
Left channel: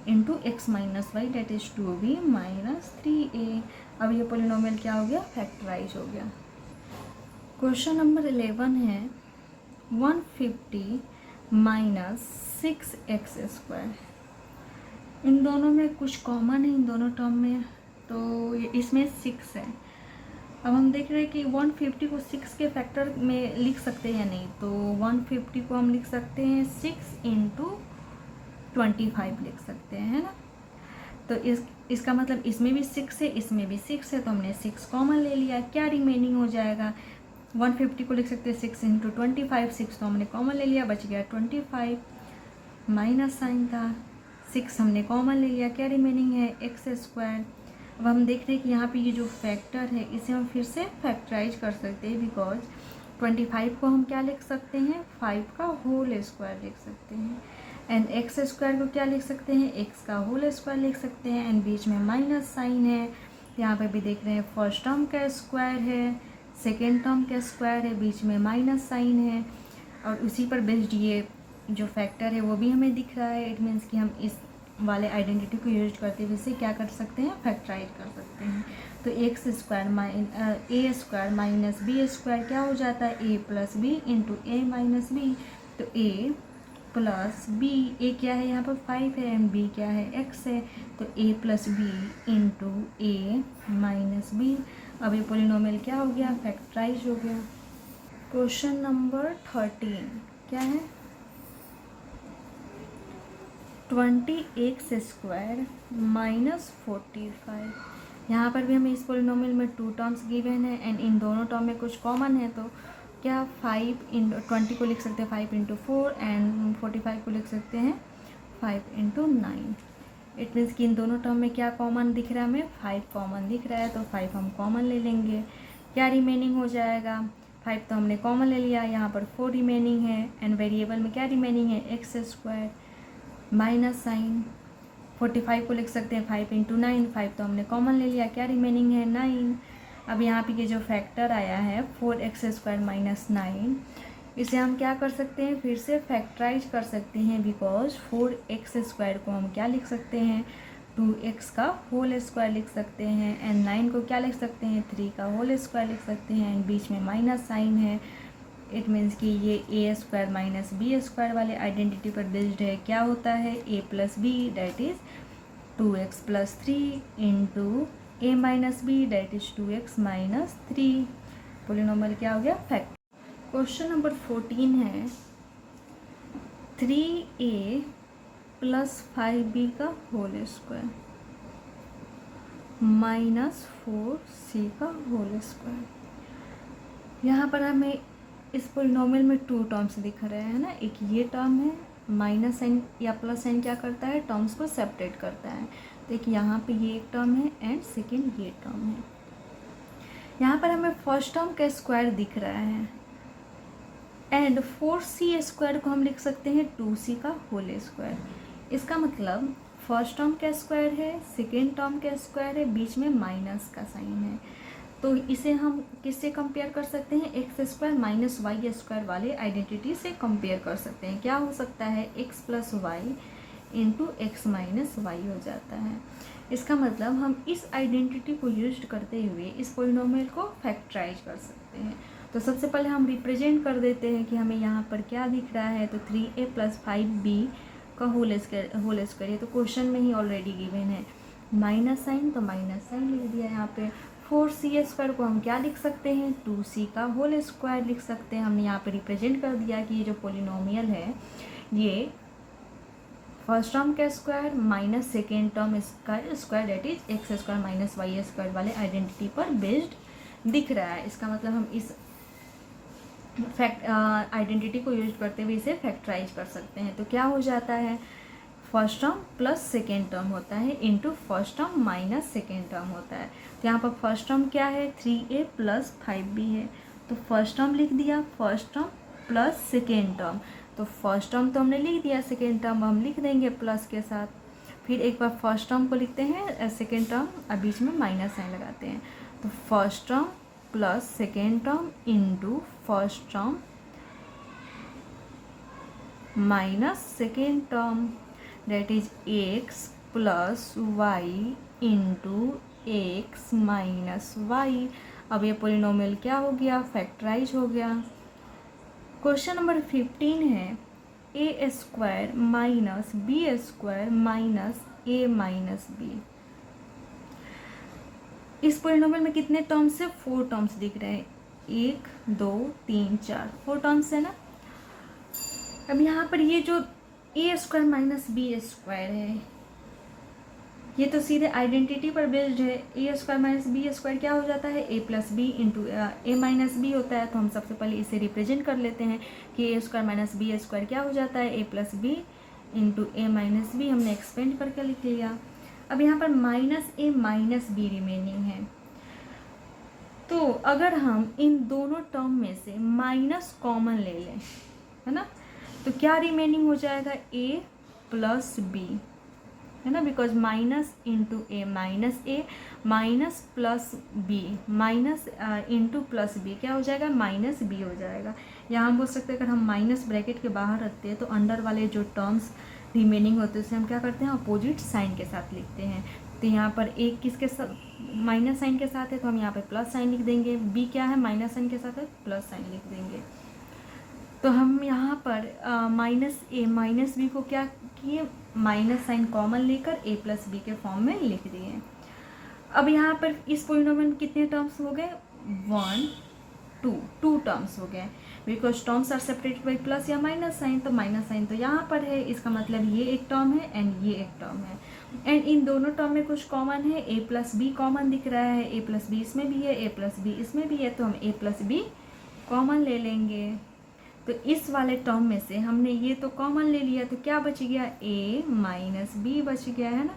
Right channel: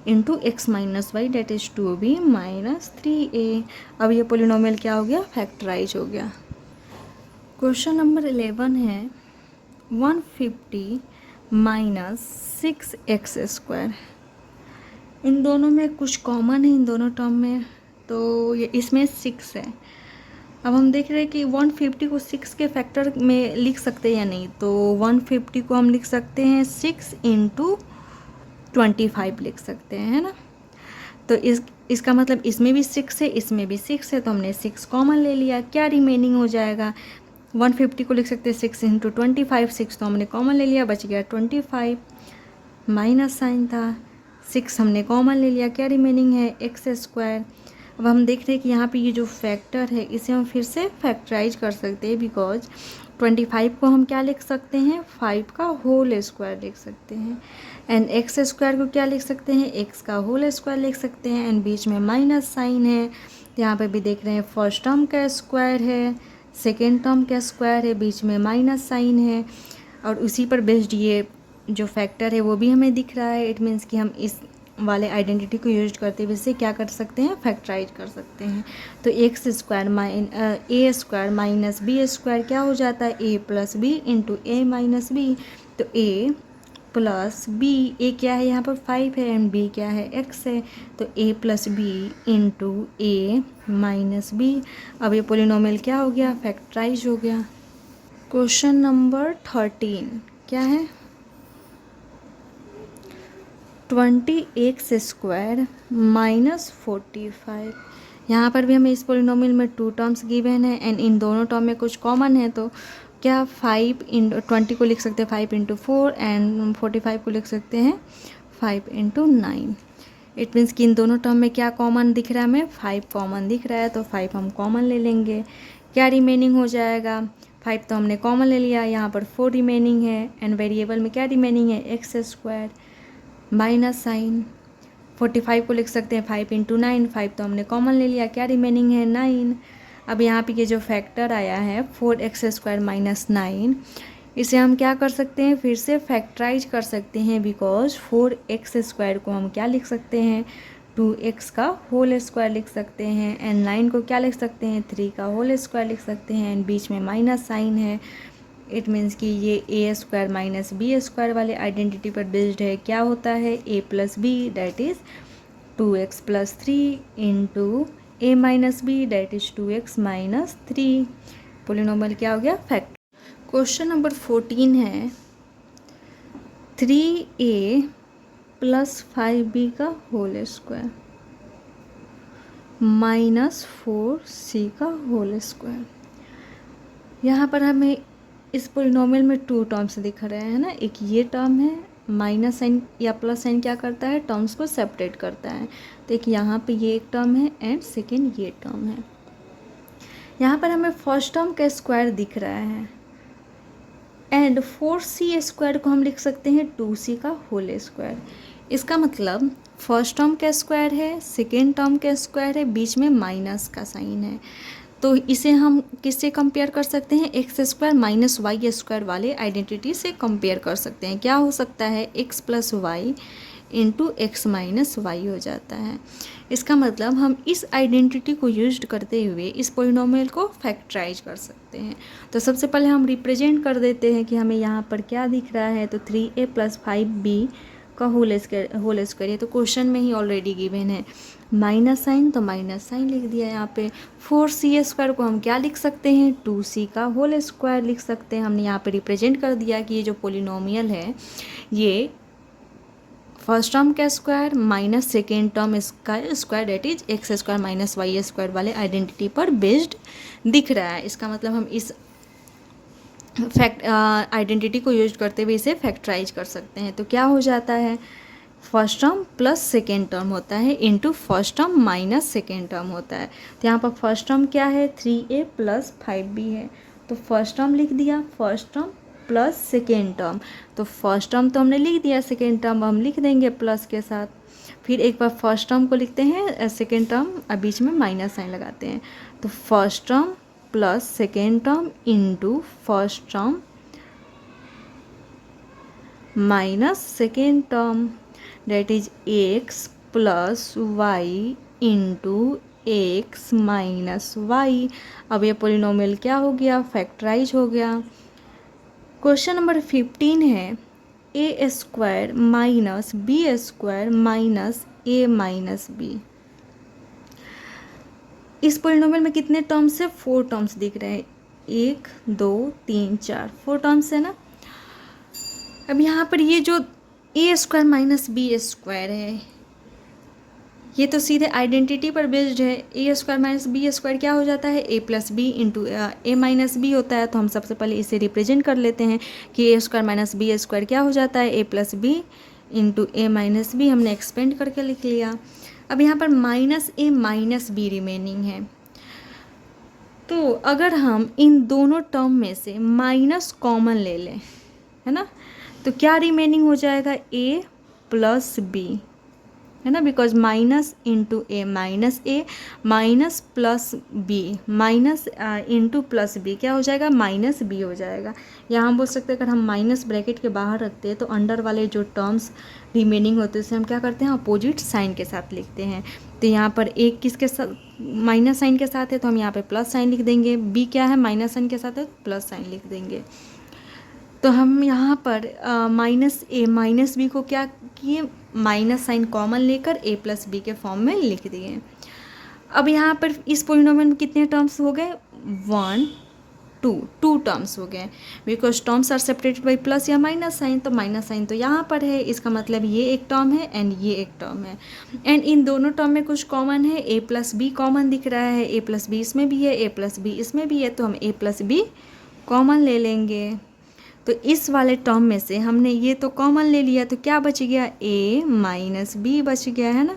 into x minus y that is 2b minus 3a। अब ये पोलिनोमियल क्या हो गया, फैक्टराइज हो गया। क्वेश्चन नंबर 11 है 150 माइनस 6x स्क्वायर। इन दोनों में कुछ कॉमन है, इन दोनों टर्म में, तो ये इसमें 6 है। अब हम देख रहे हैं कि 150 को 6 के फैक्टर में लिख सकते हैं या नहीं, तो 150 को हम लिख सकते हैं 6 इंटू 25 लिख सकते हैं, है ना। तो इसका मतलब इसमें भी 6 है, इसमें भी 6 है, तो हमने 6 कॉमन ले लिया। क्या रिमेनिंग हो जाएगा, 150 को लिख सकते हैं 6 इंटू 25, 6 तो हमने कॉमन ले लिया, बच गया 25, माइनस साइन था, 6 हमने कॉमन ले लिया, क्या रिमेनिंग है एक्स स्क्वायर अब हम देख रहे हैं कि यहाँ पे ये जो फैक्टर है इसे हम फिर से फैक्टराइज कर सकते हैं, बिकॉज 25 को हम क्या लिख सकते हैं, 5 का होल स्क्वायर लिख सकते हैं, एंड एक्स स्क्वायर को क्या लिख सकते हैं, एक्स का होल स्क्वायर लिख सकते हैं, एंड बीच में माइनस साइन है। यहाँ पे भी देख रहे हैं फर्स्ट टर्म का स्क्वायर है, सेकेंड टर्म का स्क्वायर है, बीच में माइनस साइन है, और उसी पर बेस्ड ये जो फैक्टर है वो भी हमें दिख रहा है। इट मीन्स कि हम इस वाले आइडेंटिटी को यूज करते हुए इससे क्या कर सकते हैं, फैक्टराइज कर सकते हैं। तो एक्स स्क्वायर ए स्क्वायर माइनस बी स्क्वायर क्या हो जाता है, A plus B into A minus B. तो ए प्लस बी, ए क्या है यहाँ पर 5 है, एंड बी क्या है, एक्स है, तो ए प्लस बी इंटू ए माइनस बी। अब ये पोलिनोमियल क्या हो गया, फैक्टराइज हो गया। क्वेश्चन नंबर 13 क्या है, 20x स्क्वायर माइनस 45। यहाँ पर भी हमें इस पोलिनोमियल में 2 टर्म्स गिवन है, एंड इन दोनों टर्म में कुछ कॉमन है, तो क्या 5 इंटू 20 को लिख सकते हैं 5 इंटू 4, एंड 45 को लिख सकते हैं 5 इंटू 9। इट मीन्स कि इन दोनों टर्म में क्या कॉमन दिख रहा है, हमें 5 कॉमन दिख रहा है, तो 5 हम कॉमन ले लेंगे। क्या रिमेनिंग हो जाएगा, 5 तो हमने कॉमन ले लिया, यहाँ पर 4 रिमेनिंग है, एंड वेरिएबल में क्या रिमेनिंग है, एक्स स्क्वायर माइनस साइन। 45 को लिख सकते हैं 5 इंटू 9, 5 तो हमने कॉमन ले लिया, क्या रिमेनिंग है 9। अब यहाँ पे ये जो फैक्टर आया है 4x स्क्वायर माइनस 9, इसे हम क्या कर सकते हैं, फिर से फैक्टराइज कर सकते हैं, बिकॉज 4x स्क्वायर को हम क्या लिख सकते हैं, 2x का होल स्क्वायर लिख सकते हैं, एंड 9 को क्या लिख सकते हैं, 3 का होल स्क्वायर लिख सकते हैं, एंड बीच में माइनस साइन है। इट मीन्स कि ये A square minus B square वाले आइडेंटिटी पर बेस्ड है। क्या होता है, A plus B that is 2x plus 3 into A minus B that is 2x minus 3। Polynomial क्या हो गया, फैक्ट। क्वेश्चन नंबर 14 है 3a प्लस 5b का होल स्क्वायर माइनस 4c का होल स्क्वायर। यहाँ पर हमें इस पोलिनोमियल में 2 टर्म्स दिख रहे हैं ना, एक ये टर्म है, माइनस साइन या प्लस साइन क्या करता है, टर्म्स को सेपरेट करता है। तो एक यहाँ पे ये एक टर्म है, एंड सेकेंड ये टर्म है। यहाँ पर हमें फर्स्ट टर्म का स्क्वायर दिख रहा है, एंड 4c स्क्वायर को हम लिख सकते हैं 2c का होल स्क्वायर। इसका मतलब फर्स्ट टर्म का स्क्वायर है, सेकेंड टर्म का स्क्वायर है, बीच में माइनस का साइन है, तो इसे हम किससे कंपेयर कर सकते हैं, x square minus y square वाले आइडेंटिटी से कंपेयर कर सकते हैं। क्या हो सकता है, x plus y into x minus y हो जाता है। इसका मतलब हम इस आइडेंटिटी को यूज करते हुए इस पोलिनोमियल को फैक्टराइज कर सकते हैं। तो सबसे पहले हम रिप्रेजेंट कर देते हैं कि हमें यहाँ पर क्या दिख रहा है, तो 3a प्लस 5b का होल स्क्वायर, ये तो क्वेश्चन में ही ऑलरेडी गिवन है। माइनस साइन तो माइनस साइन लिख दिया यहाँ पे। 4c स्क्वायर को हम क्या लिख सकते हैं, 2c का होल स्क्वायर लिख सकते हैं। हमने यहाँ पे रिप्रेजेंट कर दिया कि ये जो पोलिनोमियल है ये फर्स्ट टर्म का स्क्वायर माइनस सेकेंड टर्म इसका square that is x square minus y square वाले आइडेंटिटी पर बेस्ड दिख रहा है। इसका मतलब हम इस आइडेंटिटी को यूज करते हुए इसे फैक्टराइज कर सकते हैं। तो क्या हो जाता है, first term plus second term होता है into first term minus second term होता है। तो यहाँ पर फर्स्ट टर्म क्या है, 3a प्लस 5b है, तो फर्स्ट टर्म लिख दिया, first term plus second term. तो फर्स्ट टर्म तो हमने लिख दिया, सेकेंड टर्म हम लिख देंगे प्लस के साथ। फिर एक बार फर्स्ट टर्म को लिखते हैं, सेकेंड टर्म और बीच में माइनस साइन लगाते हैं। तो first term plus second term into first term minus second term that is x plus y into x minus y. अब ये पोलिनोमियल क्या हो गया, फैक्टराइज हो गया। क्वेश्चन नंबर 15 है A square minus B square minus A minus B. इस polynomial में कितने टर्म्स है, 4 टर्म्स दिख रहे हैं, 1 2 3 4, 4 टर्म्स है ना। अब यहाँ पर ये जो ए स्क्वायर माइनस बी स्क्वायर है ये तो सीधे आइडेंटिटी पर बेस्ड है। A square minus B square क्या हो जाता है, A plus B into A minus B होता है। तो हम सबसे पहले इसे रिप्रेजेंट कर लेते हैं कि ए स्क्वायर माइनस बी स्क्वायर क्या हो जाता है, A plus B into A minus B. हमने एक्सपेंड करके लिख लिया। अब यहाँ पर minus A minus be remaining है, तो अगर हम इन दोनों टर्म में से माइनस कॉमन ले लें, है ना, तो क्या रिमेनिंग हो जाएगा, ए प्लस बी, है ना, because minus into A minus plus b minus into plus b क्या हो जाएगा, माइनस बी हो जाएगा। या हम बोल सकते हैं अगर हम माइनस ब्रैकेट के बाहर रखते हैं तो अंडर वाले जो टर्म्स रिमेनिंग होते हैं उसे हम क्या करते हैं, अपोजिट साइन के साथ लिखते हैं। तो यहाँ पर एक किसके साथ माइनस साइन के साथ है, तो हम यहाँ पे प्लस साइन लिख देंगे, बी क्या है माइनस साइन के साथ है, प्लस साइन लिख देंगे। तो हम यहाँ पर माइनस ए माइनस बी को क्या किए, माइनस साइन कॉमन लेकर ए प्लस बी के फॉर्म में लिख दिए। अब यहाँ पर इस पोलिनोमियल में कितने टर्म्स हो गए, 1 2 टर्म्स हो गए, because terms are separated by plus या माइनस साइन, तो माइनस साइन तो यहाँ पर है, इसका मतलब ये एक टर्म है एंड ये एक टर्म है, एंड इन दोनों टर्म में कुछ कॉमन है, ए प्लस बी कॉमन दिख रहा है, ए प्लस बी इसमें भी है, ए प्लस बी इसमें भी है, तो हम ए प्लस बी कॉमन ले लेंगे। तो इस वाले टर्म में से हमने ये तो कॉमन ले लिया, तो क्या बच गया, ए माइनस बी बच गया, है ना,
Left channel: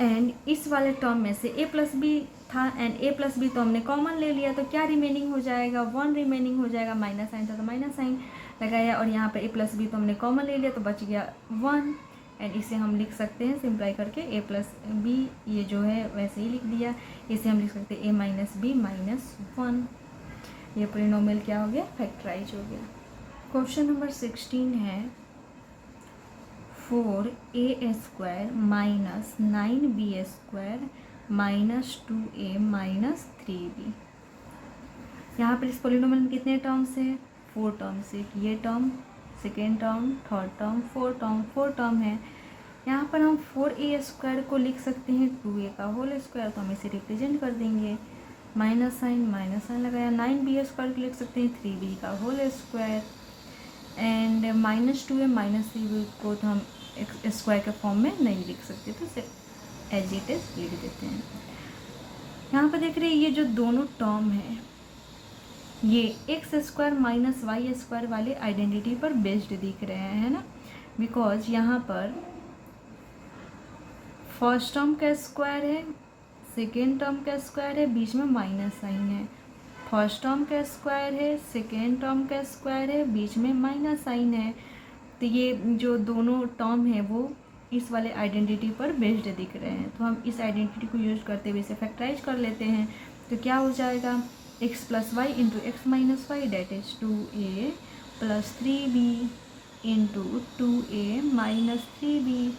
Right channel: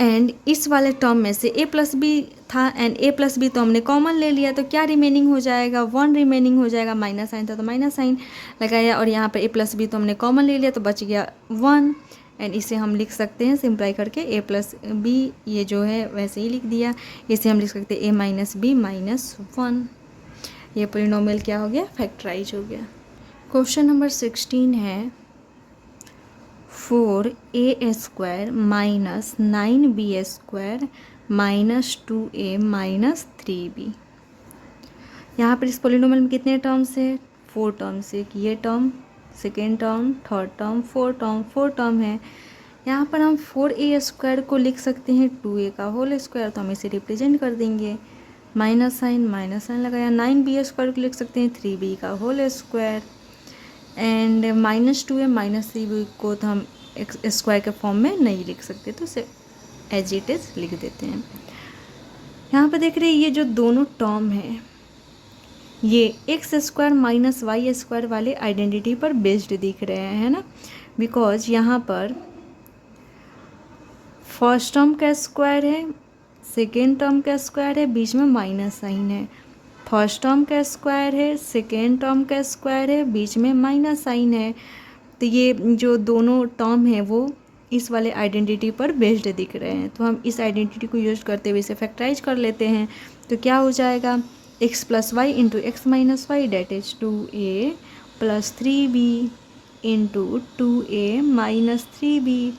एंड इस वाले टर्म में से ए प्लस बी था एंड ए प्लस बी तो हमने कॉमन ले लिया, तो क्या रिमेनिंग हो जाएगा, 1 रिमेनिंग हो जाएगा, माइनस साइन था तो माइनस साइन लगाया, और यहाँ पे ए प्लस बी तो हमने कॉमन ले लिया तो बच गया 1, एंड इसे हम लिख सकते हैं सिंप्लाई करके ए प्लस बी, ये जो है वैसे ही लिख दिया, इसे हम लिख सकते हैं ए माइनस बी माइनस 1। ये पोलिनोमियल क्या हो गया, फैक्टराइज हो गया। क्वेश्चन नंबर 16 है 4a² minus 9b² minus 2a minus 3b। यहाँ पर इस पोलिनोमियल में कितने टर्म्स है, 4 टर्म्स है, ये term, second term, third term, four term है। यहाँ पर हम 4a² को लिख सकते हैं 2a का होल स्क्वायर, तो हम इसे रिप्रेजेंट कर देंगे, माइनस साइन लगाया, 9b² को लिख सकते हैं 3b का whole square, and minus 2a minus 3b को तो हम स्क्वायर के फॉर्म में नहीं लिख सकते, तो इसे एज इट इज लिख देते हैं। यहाँ पे देख रहे हैं ये जो दोनों टर्म है ये x² माइनस y² वाले आइडेंटिटी पर बेस्ड दिख रहे हैं, है ना, बिकॉज यहाँ पर फर्स्ट टर्म का स्क्वायर है, सेकेंड टर्म का स्क्वायर है, बीच में माइनस साइन है, फर्स्ट टर्म का स्क्वायर है, सेकेंड टर्म का स्क्वायर है, बीच में माइनस साइन है, तो ये जो दोनों टर्म है वो इस वाले आइडेंटिटी पर बेस्ड दिख रहे हैं, तो हम इस आइडेंटिटी को यूज करते हुए इसे फैक्टराइज कर लेते हैं। तो क्या हो जाएगा, x plus y into x minus y that is 2a plus 3b into 2a minus 3b,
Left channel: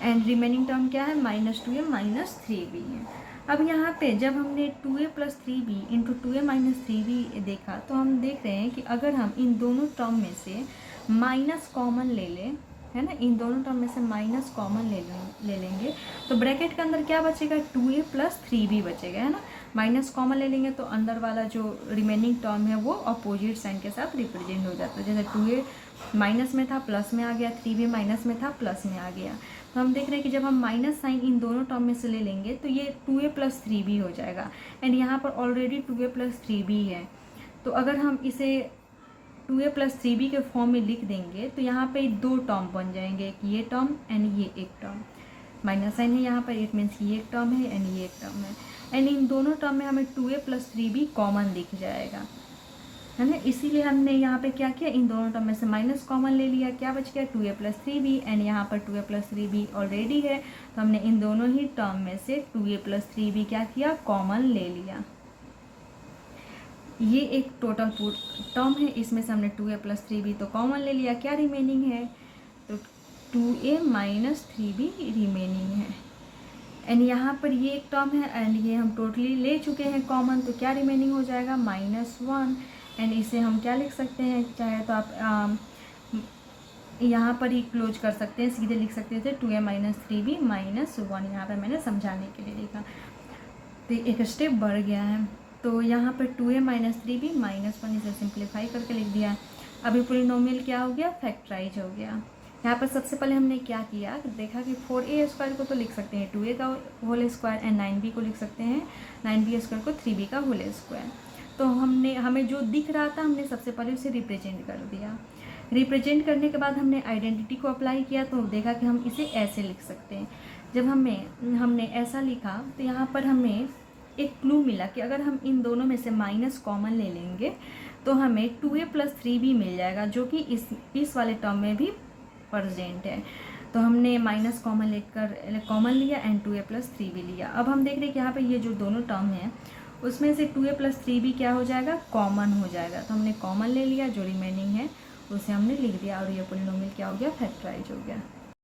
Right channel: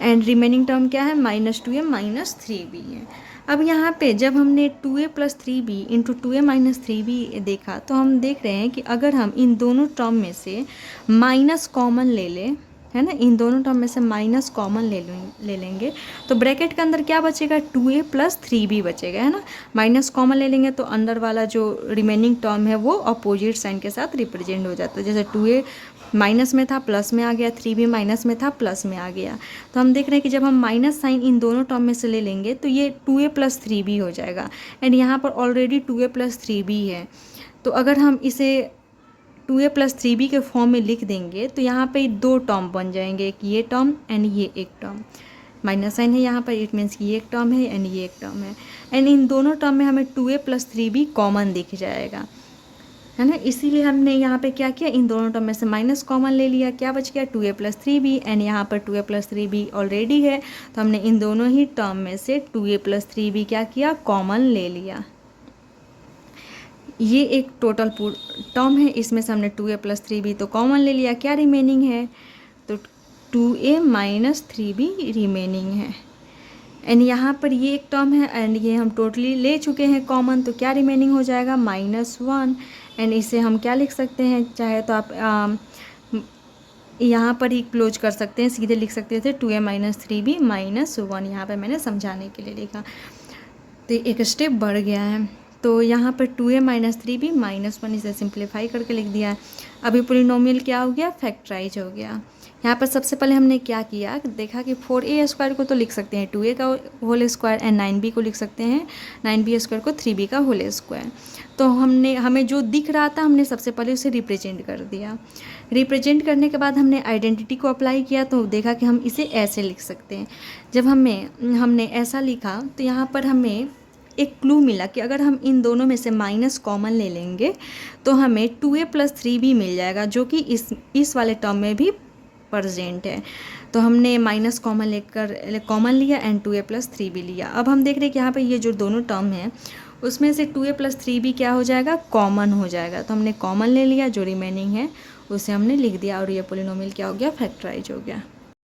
and remaining term क्या है, माइनस 2a माइनस 3b है। अब यहाँ पे जब हमने 2a plus 3b into 2a minus 3b देखा, तो हम देख रहे हैं कि अगर हम इन दोनों टर्म में से माइनस कॉमन ले लें, है ना, इन दोनों टर्म में से माइनस कॉमन ले लेंगे, तो ब्रैकेट के अंदर क्या बचेगा, 2a प्लस 3b बचेगा, है ना, माइनस कॉमन ले लेंगे तो अंदर वाला जो रिमेनिंग टर्म है वो अपोजिट साइन के साथ रिप्रेजेंट हो जाता है, जैसे 2a माइनस में था प्लस में आ गया, 3b माइनस में था प्लस में आ गया। तो हम देख रहे हैं कि जब हम माइनस साइन इन दोनों टर्म में से ले लेंगे तो ये 2a प्लस 3b हो जाएगा, एंड यहाँ पर ऑलरेडी 2a प्लस 3b है, तो अगर हम इसे 2a प्लस 3b के फॉर्म में लिख देंगे तो यहाँ पे 2 टर्म बन जाएंगे, एक ये टर्म एंड ये एक टर्म, माइनस साइन है यहाँ पर, इट मीन्स कि ये एक टर्म है एंड ये एक टर्म है, एंड इन दोनों टर्म में हमें 2a प्लस 3b कॉमन दिख जाएगा, है ना, इसीलिए हमने यहाँ पे क्या किया, इन दोनों टर्म में से माइनस कॉमन ले लिया, क्या बच गया 2a प्लस 3b, एंड यहाँ पर 2a प्लस 3b ऑलरेडी है, तो हमने इन दोनों ही टर्म में से 2a प्लस 3b क्या किया, कॉमन ले लिया। ये एक टोटल टर्म है, इसमें से हमने 2a प्लस 3b तो कॉमन ले लिया, क्या रिमेनिंग है, तो 2a माइनस 3b रिमेनिंग है, एंड यहाँ पर ये एक टर्म है एंड ये हम टोटली ले चुके हैं कॉमन, तो क्या रिमेनिंग हो जाएगा, -1, एंड इसे हम क्या लिख सकते हैं, चाहे तो आप यहाँ पर ही क्लोज कर सकते हैं, सीधे लिख सकते थे 2a माइनस 3b माइनस 1, यहाँ पर मैंने समझाने के लिए लिखा, तो एक स्टेप बढ़ गया है। तो यहाँ पर 2a माइनस 3b माइनस 1 इसे सिंप्लीफाई करके लिख दिया। अभी पोलिनोमियल क्या हो गया, फैक्टराइज हो गया। यहाँ पर सबसे पहले हमने क्या किया, देखा कि 4a² को तो लिख सकते हैं 2a का होल स्क्वायर एंड 9b को लिख सकते हैं 9b² को 3b का होल स्क्वायर। तो हमें जो दिख रहा था हमने सबसे पहले उसे रिप्रेजेंट कर दिया। रिप्रेजेंट करने के बाद हमने आइडेंटिटी को अप्लाई किया तो देखा कि हम इसे ऐसे लिख सकते हैं। जब हमने ऐसा लिखा तो यहाँ पर हमें एक क्लू मिला कि अगर हम इन दोनों में से माइनस कॉमन ले लेंगे तो हमें 2a + 3b मिल जाएगा, जो कि इस वाले टर्म में भी प्रेजेंट है। तो हमने माइनस कॉमन लिया एंड 2a + 3b लिया। अब हम देख रहे हैं कि यहाँ पे ये जो दोनों टर्म है उसमें से 2a + 3b क्या हो जाएगा, कॉमन हो जाएगा। तो हमने कॉमन ले लिया, जो रिमेनिंग है उसे हमने लिख दिया और ये पोलिनोमियल क्या हो गया, फैक्टराइज हो गया।